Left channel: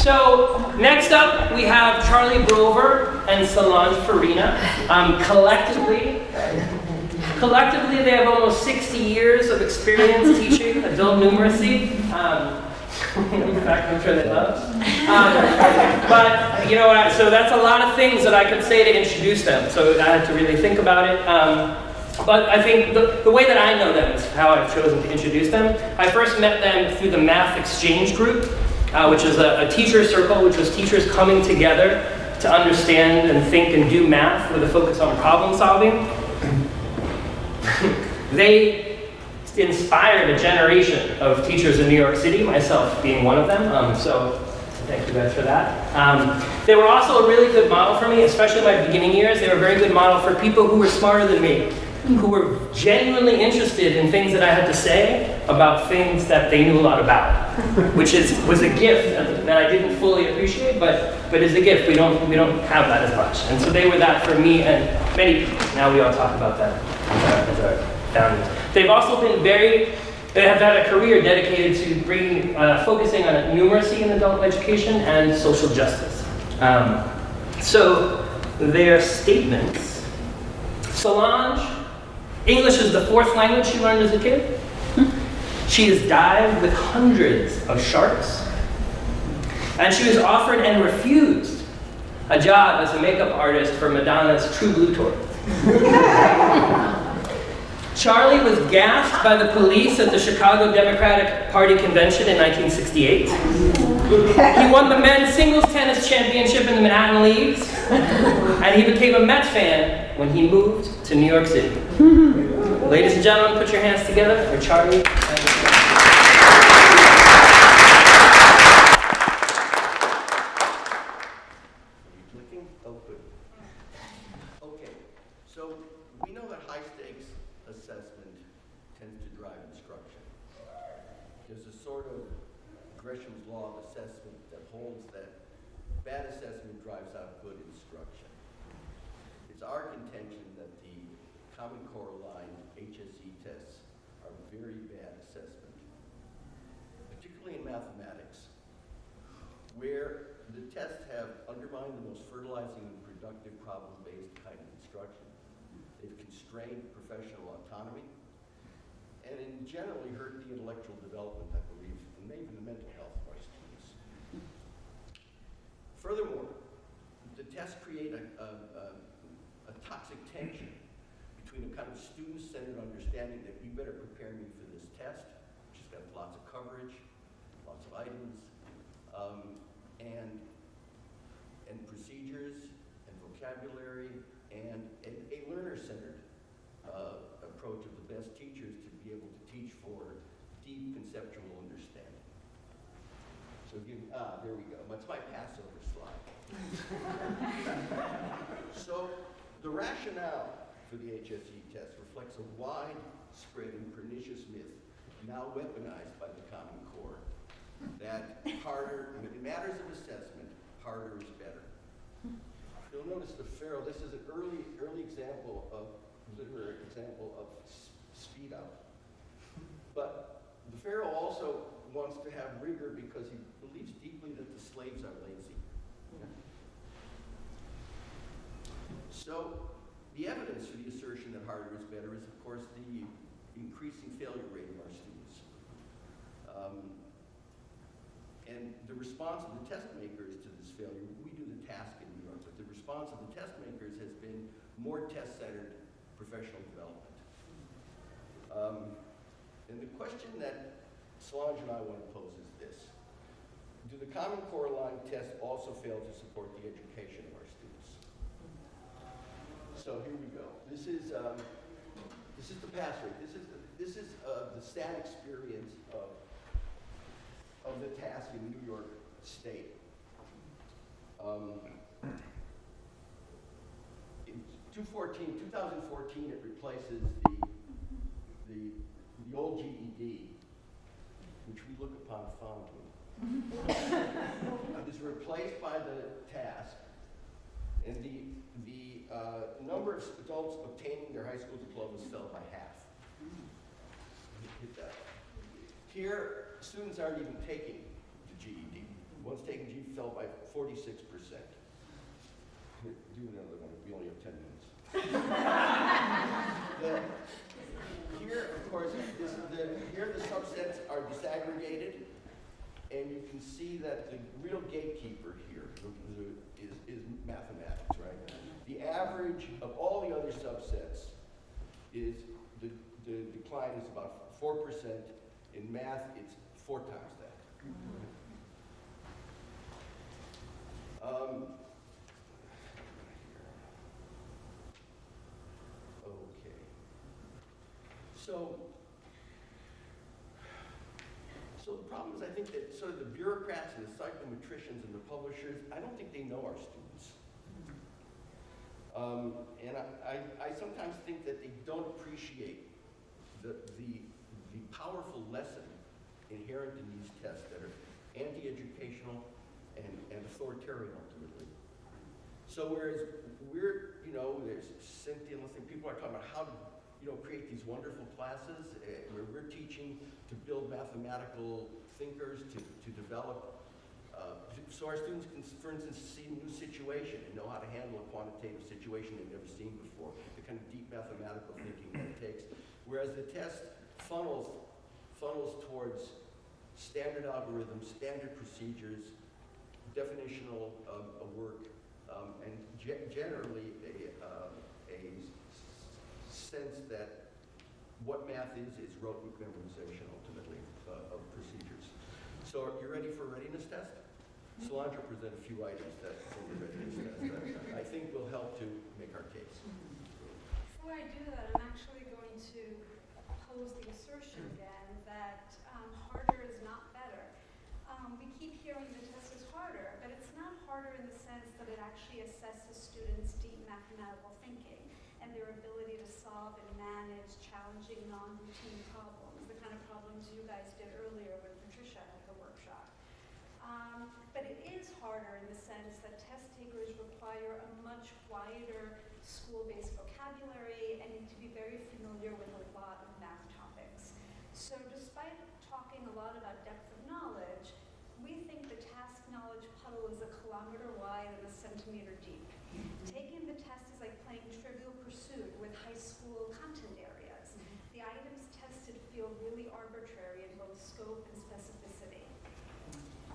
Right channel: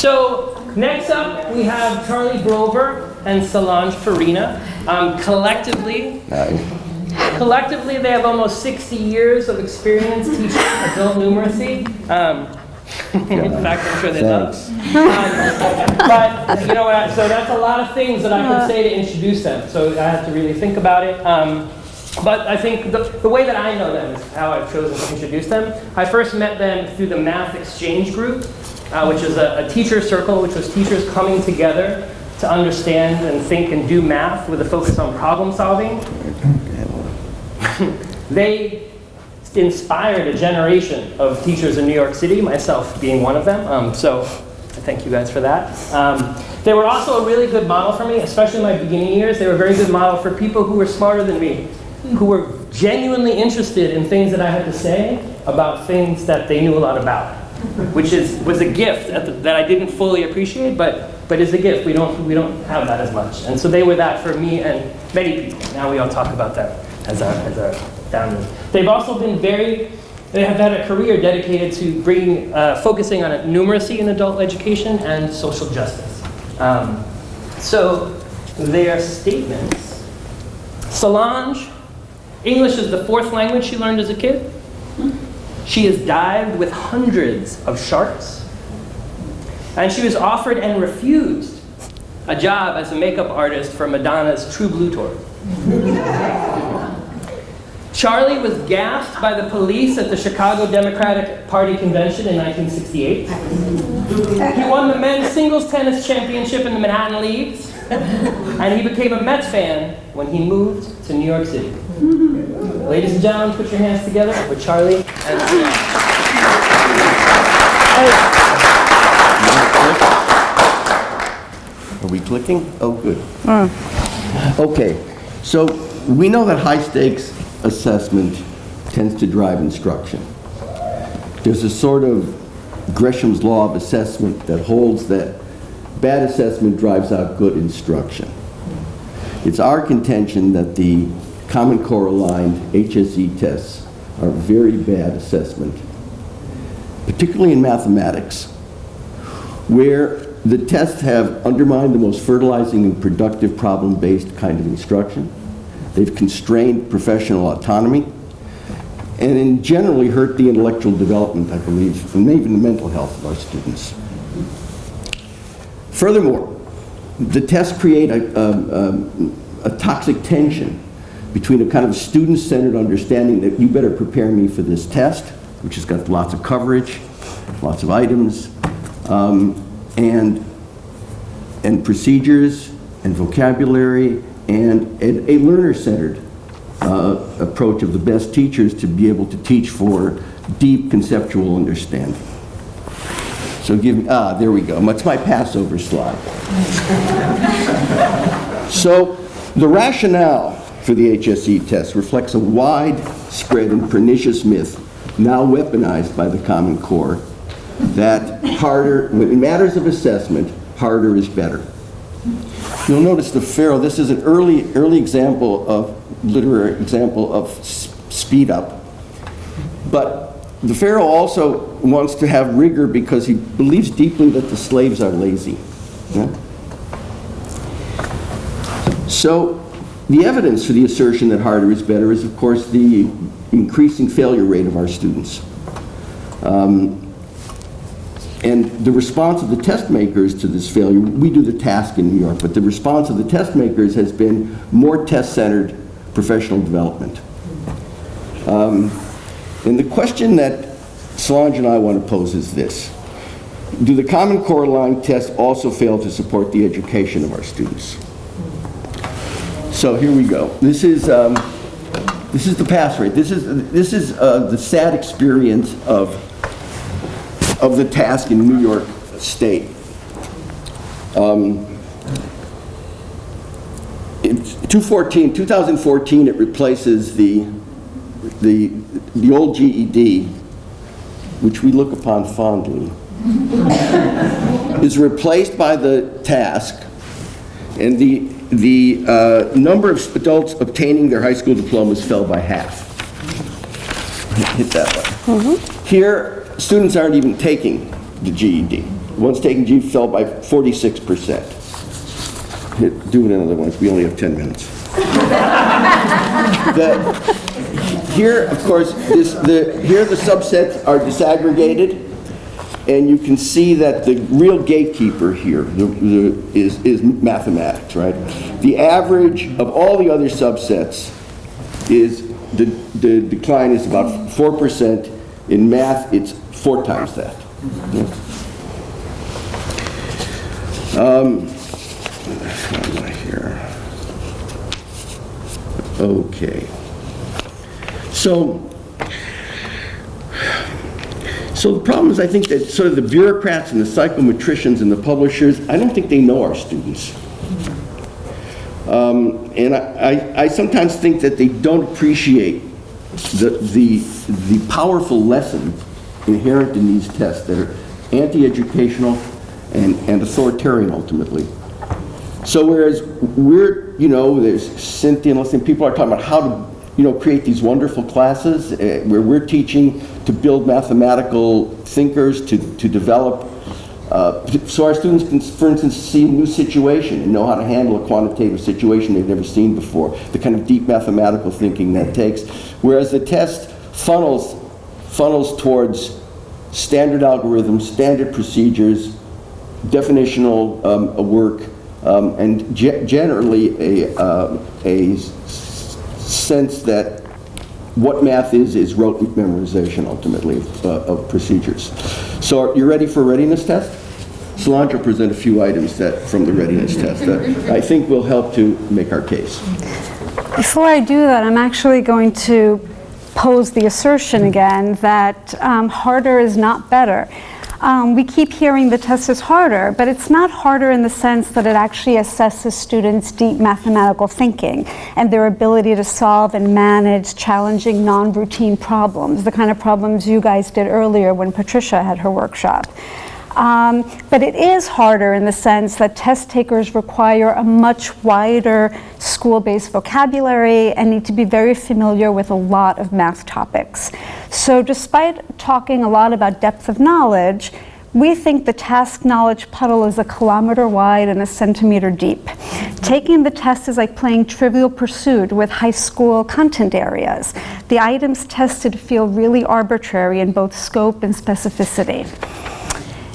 So next up, we have Charlie Brover and Solange Farina. Collectively, they have almost 60 years of experience teaching adult numeracy. In fact, I'm sure they love. But you know what? So that's a lot of things that I could say to introduce them. So I had to really think about it. But I think the way that I know them is how I've chosen to introduce them. I first met them through the Math Exchange Group, which is a teacher circle, which was teachers coming together to understand and think and do math with a focus on problem solving. They inspired a generation of teachers in New York City, myself being one of them, so thank you guys for that. They were also a really good model for me, especially in my beginning years. They were a very good model for people who were smarter than me, who were genuinely interested in things that I had to say about things that they knew a lot about, which was a gift that I didn't fully appreciate, but is a gift. We don't have that as much. And so they were that for me and many people. Now we all talk about that as our founders. They've also been they have had a career dedicated to focusing on numeracy in adult education and social justice. So their statements. Solange, English is the 4th language she learned as a kid. She has dived with hundreds of sharks. And she was offered and refused a job as a makeup artist for Madonna's True Blue tour. Charlie was gassed by the police at the Chicago Democratic Party convention in 1968. He won the men's singles tennis championship in the Manhattan Leagues, and he became a Mets fan when he moved to New York City. Ladies and gentlemen, put your hands together for Charlie and Are we clicking? Oh, good. Okay, so we know that high-stakes assessment tends to drive instruction. There's a sort of Gresham's law of assessment that holds that bad assessment drives out good instruction. It's our contention that the Common Core aligned HSE tests are very bad assessment, particularly in mathematics, where the tests have undermined the most fertilizing and productive problem-based kind of instruction. They've constrained professional autonomy and generally hurt the intellectual development, I believe, and even the mental health of our students. Furthermore, the tests create a toxic tension between a kind of student-centered understanding that you better prepare me for this test, which has got lots of coverage, lots of items, and procedures and vocabulary, and a learner-centered approach of the best teachers to be able to teach for deep conceptual understanding. So there we go. That's my Passover slide. So the rationale for the HSE test reflects a widespread and pernicious myth, now weaponized by the Common Core, that when it matters of assessment, harder is better. You'll notice the Pharaoh, this is an early literary example of speed up. But the Pharaoh also wants to have rigor because he believes deeply that the slaves are lazy. Yeah? So the evidence for the assertion that harder is better is, of course, the increasing failure rate of our students. And the response of the test makers to this failure, we do the task in New York, but the response of the test makers has been more test-centered professional development. And the question that Solange and I want to pose is this: do the Common Core aligned tests also fail to support the education of our students? So here we go. This is the pass rate. This is the sad experience of the task in New York State. In 2014, it replaces the old GED, which we look upon fondly, is replaced by the task, and the number of adults obtaining their high school diplomas fell by half. Hit that one. Mm-hmm. Here, students aren't even taking the GED. ones taking G fell by 46%. Do it another one, we only have 10 minutes. Here, of course, here the subsets are disaggregated, and you can see that the real gatekeeper here is mathematics, right? The average of all the other subsets is, the decline is about 4%. In math, it's 4 times that. Here. Okay. So the problem is, I think that sort of the bureaucrats and the psychometricians and the publishers, I don't think they know our students. And I sometimes think that they don't appreciate the powerful lessons inherent in these tests that are anti-educational and authoritarian ultimately. So whereas we're, there's Cynthia and listening, people are talking about how to, create these wonderful classes where we're teaching to build mathematical thinkers, to develop, so our students can, for instance, see a new situation and know how to handle a quantitative situation they've never seen before, the kind of deep mathematical thinking that takes. Whereas the test funnels towards standard algorithms, standard procedures, definitional work, and generally a sense that what math is rote memorization ultimately of procedures. So you're ready for a readiness test? Solange will present a few items from the readiness test that I think will help to make our case. Before I do that, I'm actually going to pose the assertion again that harder is not better. We keep hearing the test is harder, but it's not harder in the sense that it actually assesses students' deep mathematical thinking and their ability to solve and manage challenging non-routine problems, the kind of problems you guys did earlier when Patricia had her workshop. But it is harder in the sense that test takers require a much wider school-based vocabulary and need to be very familiar with a lot of math topics. So despite talking a lot about depth of knowledge, we think the task knowledge puddle is 1 kilometer wide and 1 centimeter deep. Taking the test is like playing Trivial Pursuit with high school content areas. The items tested feel really arbitrary in both scope and specificity.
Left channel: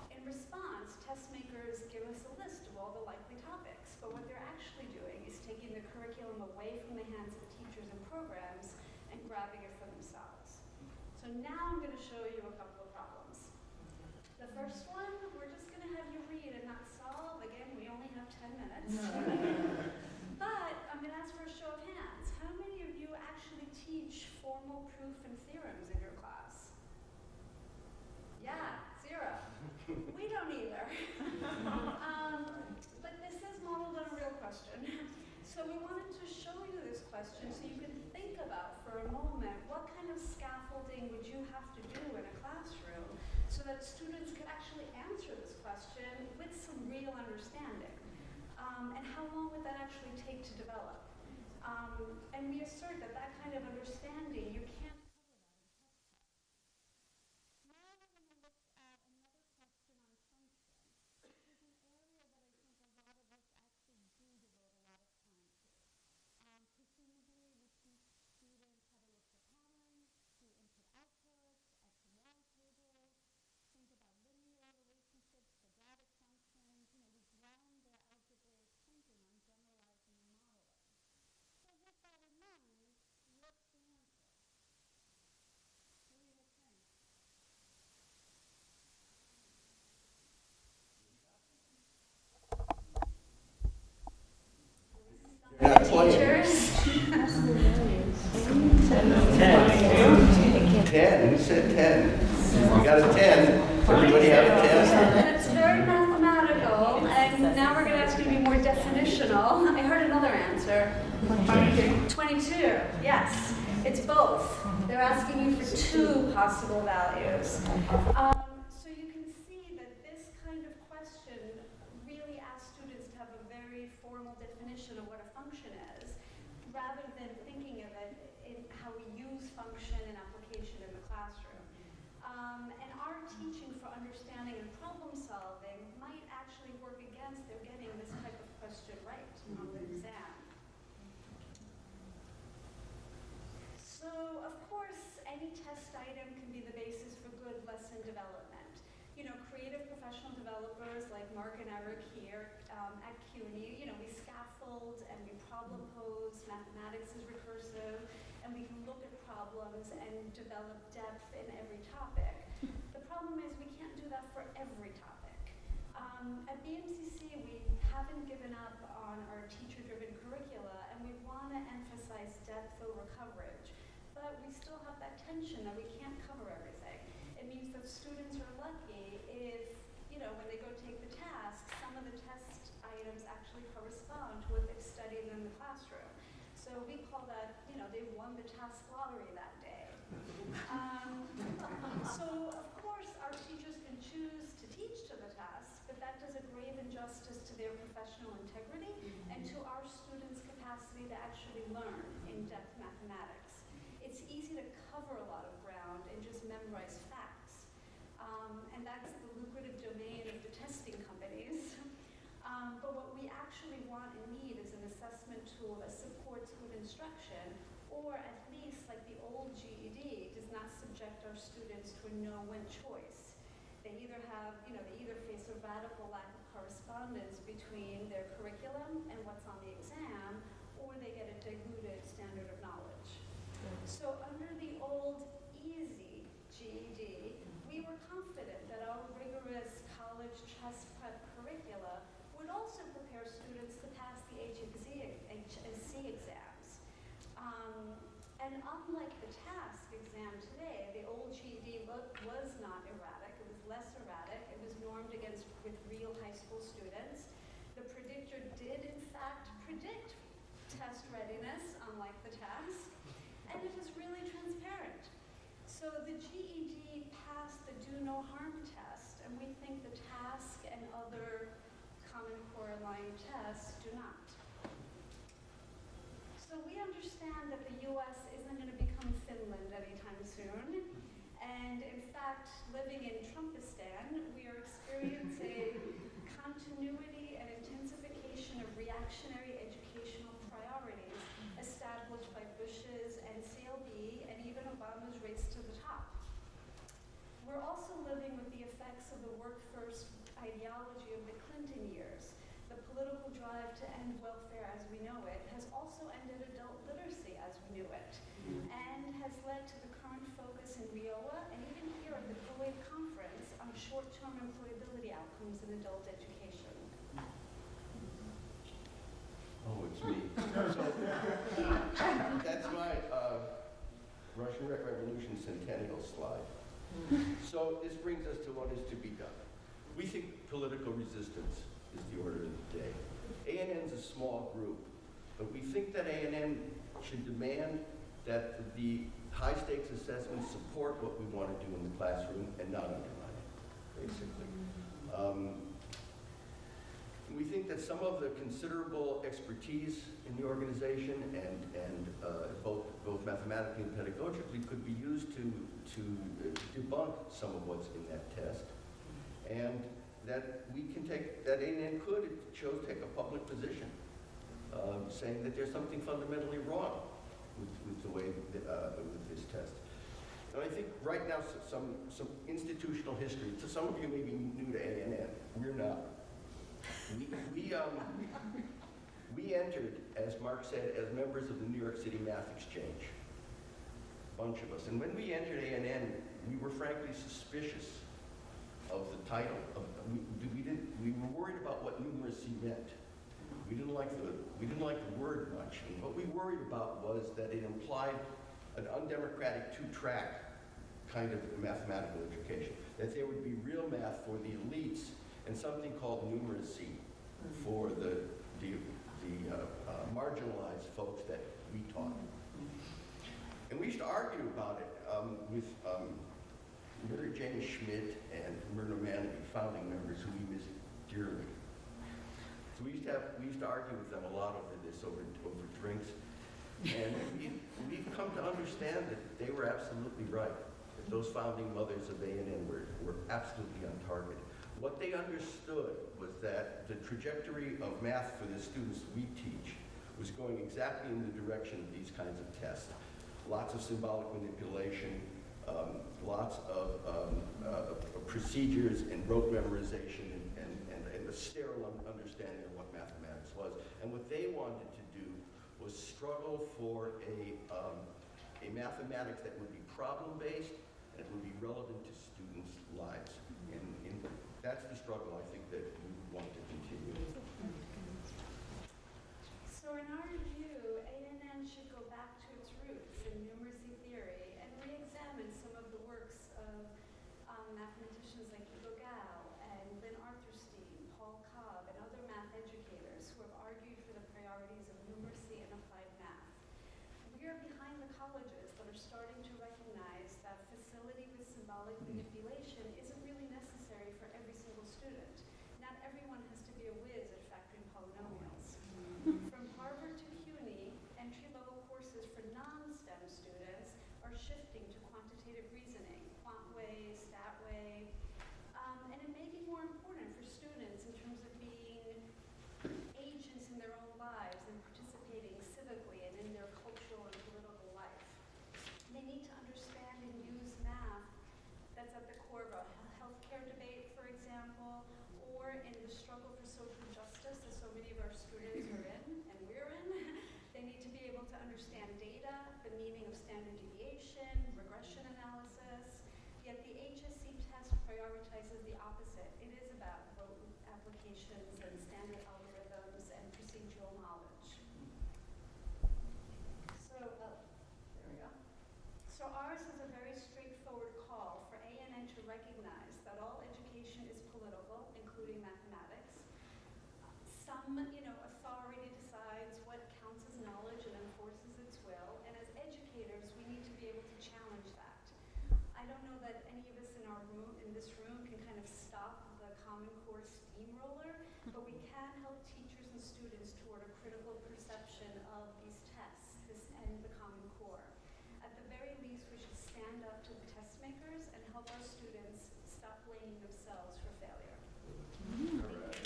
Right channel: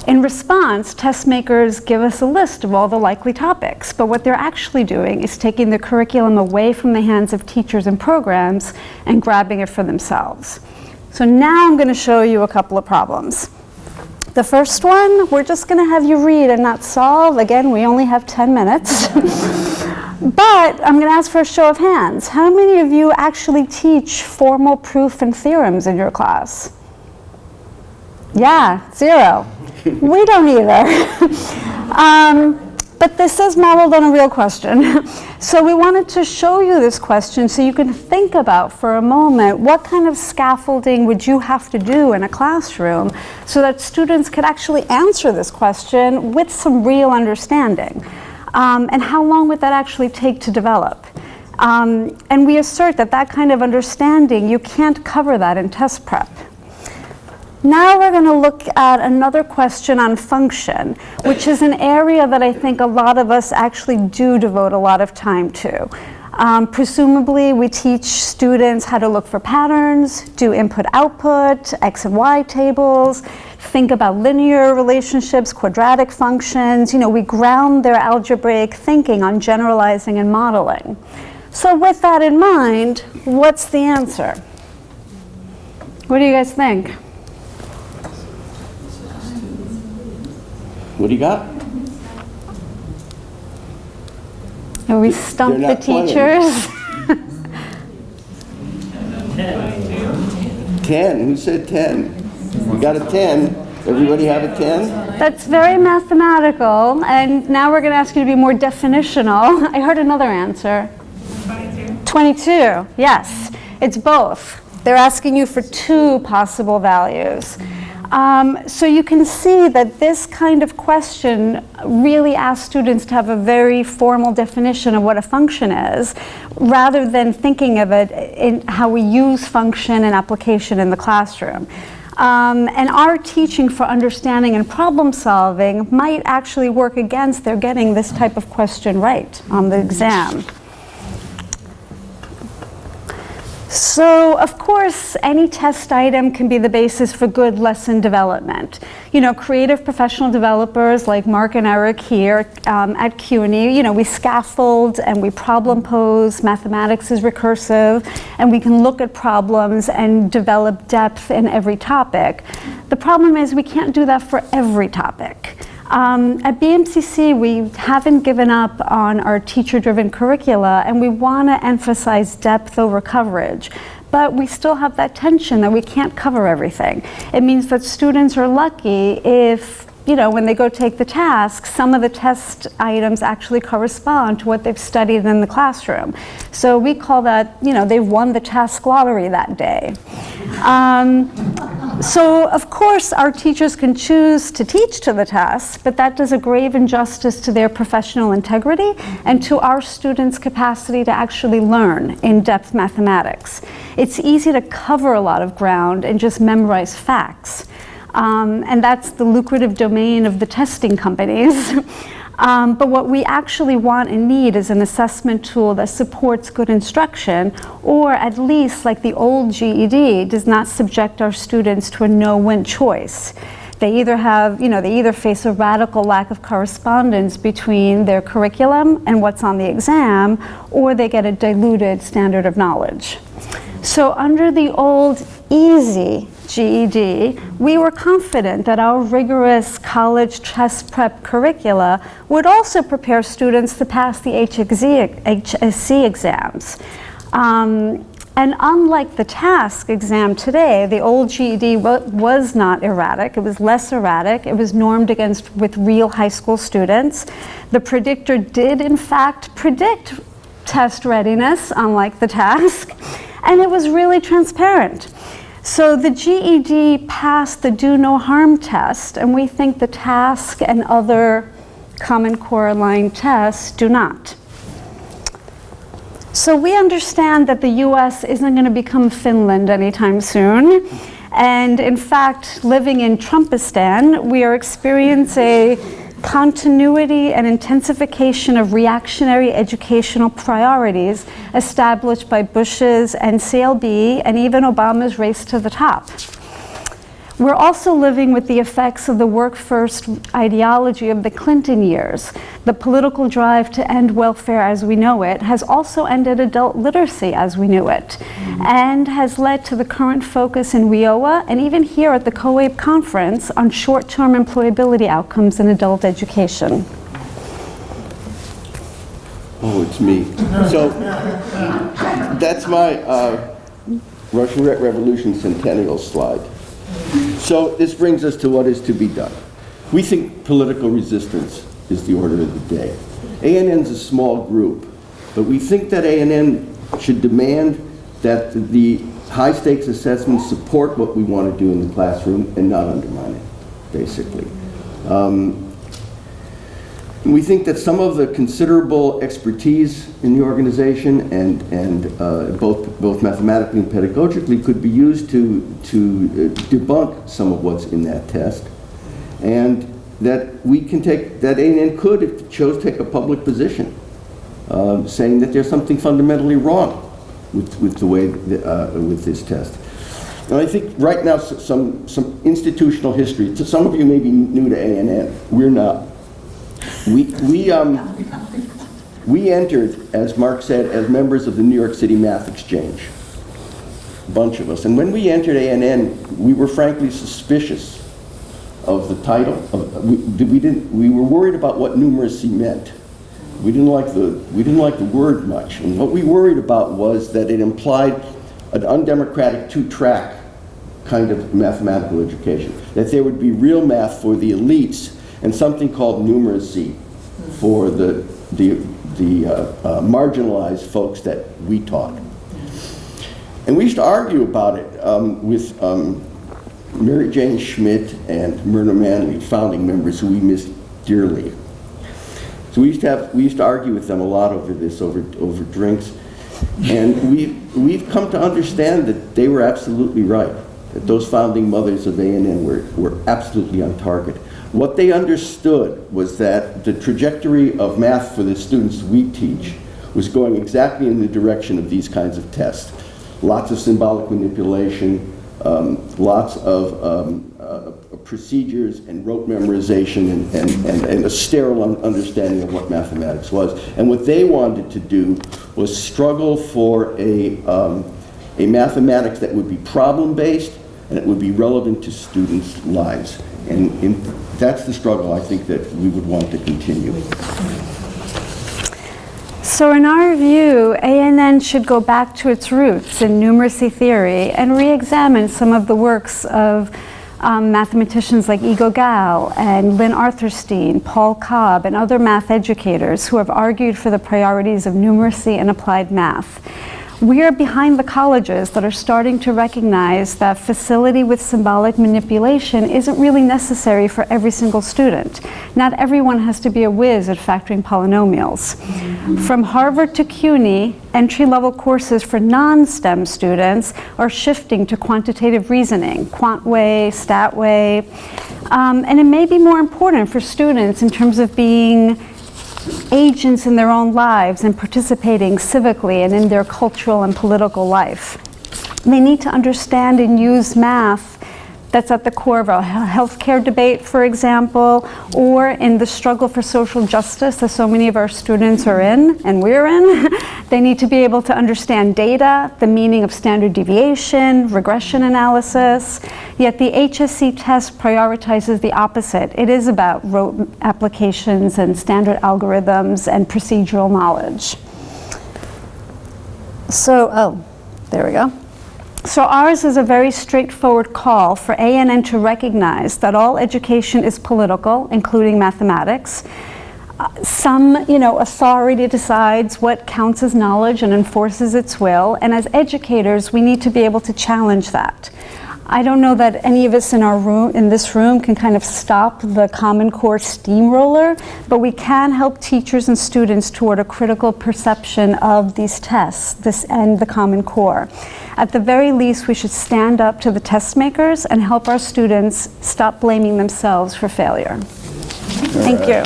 In response, test makers give us a list of all the likely topics, but what they're actually doing is taking the curriculum away from the hands of teachers and programs and grabbing it for themselves. So now I'm going to show you a couple of problems. The first one, we're just going to have you read and not solve. Again, we only have 10 minutes. But I'm going to ask for a show of hands. How many of you actually teach formal proof and theorems in your class? Yeah, 0. We don't either. But this is modeled on a real question. So we wanted to show you this question so you can think about for a moment what kind of scaffolding would you have to do in a classroom so that students could actually answer this question with some real understanding. And how long would that actually take to develop? And we assert that that kind of understanding, you can't cover that in test prep. Now we're going to look at another question on function, which is an area that I think a lot of us actually do devote a lot of time to. Presumably, we teach students how to look for patterns, do input-output, X and Y tables, think about linear relationships, quadratic functions. We ground their algebraic thinking on generalizing and modeling. So with that in mind, what's the answer? What do you guys think? What do you got? Have we stumped the teachers? 10. Who said 10? You got a 10. Everybody have a 10? That's very mathematical, and now we're going to ask you to be more definitional. I heard another answer. 22. Yes, it's both. They're asking you for 2 possible values. So you can see that this kind of question really asks students to have a very formal definition of what a function is, rather than thinking of it in how we use function and application in the classroom. And our teaching for understanding and problem solving might actually work against their getting this type of question right on the exam. So, of course, any test item can be the basis for good lesson development. You know, creative professional developers like Mark and Eric here at CUNY, you know, we scaffold and we problem pose, mathematics is recursive, and we can look at problems and develop depth in every topic. The problem is we can't do that for every topic. At BMCC, we haven't given up on our teacher-driven curricula, and we want to emphasize depth over coverage. But we still have that tension that we can't cover everything. It means that students are lucky if, you know, when they go take the task, some of the test items actually correspond to what they've studied in the classroom. So we call that, you know, they've won the task lottery that day. So, of course, our teachers can choose to teach to the test, but that does a grave injustice to their professional integrity and to our students' capacity to actually learn in-depth mathematics. It's easy to cover a lot of ground and just memorize facts. And that's the lucrative domain of the testing companies. But what we actually want and need is an assessment tool that supports good instruction, or at least, like the old GED, does not subject our students to a no-win choice. They either have, you know, they either face a radical lack of correspondence between their curriculum and what's on the exam, or they get a diluted standard of knowledge. So under the old easy GED, we were confident that our rigorous college test prep curricula would also prepare students to pass the HSC exams. And unlike the task exam today, the old GED was not erratic. It was less erratic. It was normed with real high school students. The predictor did, in fact, predict test readiness, unlike the task, and it was really transparent. So the GED passed the do no harm test, and we think the task and other Common Core aligned tests do not. So we understand that the US isn't going to become Finland anytime soon. And in fact, living in Trumpistan, we are experiencing continuity and intensification of reactionary educational priorities established by Bush's NCLB and even Obama's race to the top. We're also living with the effects of the work-first ideology of the Clinton years. The political drive to end welfare as we know it has also ended adult literacy as we knew it, and has led to the current focus in WIOA and even here at the COABE conference on short-term employability outcomes in adult education. Oh, it's me. So that's my Russian Revolution centennial slide. So this brings us to what is to be done. We think political resistance is the order of the day. ANN's a small group, but we think that ANN should demand that the high-stakes assessments support what we want to do in the classroom and not undermine it, basically. We think that some of the considerable expertise in the organization and both mathematically and pedagogically could be used to debunk some of what's in that test, and that we can take, that ANN could, if it chose, take a public position, saying that there's something fundamentally wrong with the way, with this test. And I think right now some institutional history, to some of you may be new to ANN, we're not. We entered, as Mark said, as members of the New York City Math Exchange, a bunch of us. And when we entered ANN, we were frankly suspicious of the title. We were worried about what numeracy meant. We didn't like the word much. And what we worried about was that it implied an undemocratic two-track kind of mathematical education, that there would be real math for the elites and something called numeracy for the marginalized folks that we taught. And we used to argue about it with Mary Jane Schmidt and Myrna Manley, founding members who we miss dearly. So we used to argue with them a lot over this, over drinks. And we've come to understand that they were absolutely right. that those founding mothers of A&N were absolutely on target. What they understood was that the trajectory of math for the students we teach was going exactly in the direction of these kinds of tests. Lots of symbolic manipulation, lots of procedures and rote memorization and a sterile understanding of what mathematics was. And what they wanted to do was struggle for a mathematics that would be problem-based and it would be relevant to students' lives. And that's the struggle I think that we would want to continue. So in our view, A&N should go back to its roots in numeracy theory and re-examine some of the works of mathematicians like Igo Gal and Lynn Arthurstein, Paul Cobb, and other math educators who have argued for the priorities of numeracy and applied math. We are behind the colleges that are starting to recognize that facility with symbolic manipulation isn't really necessary for every single student. Not everyone has to be a whiz at factoring polynomials. From Harvard to CUNY, entry-level courses for non-STEM students are shifting to quantitative reasoning, QuantWay, StatWay, and it may be more important for students in terms of being agents in their own lives and participating civically and in their cultural and political life. They need to understand and use math that's at the core of a healthcare debate, for example, or in the struggle for social justice that so many of our students are in, and we're in. They need to be able to understand data, the meaning of standard deviation, regression analysis, yet the HSC test prioritizes the opposite. It is about rote applications and standard algorithms and procedural knowledge. So, there we go. So ours is a very straightforward call for A&N to recognize that all education is political, including mathematics. Some, authority decides what counts as knowledge and enforces its will, and as educators, we need to be able to challenge that. I don't know that any of us in this room can kind of stop the Common Core steamroller, but we can help teachers and students toward a critical perception of these tests, and the Common Core. At the very least, we should stand up to the test makers and help our students stop blaming themselves for failure. Thank you.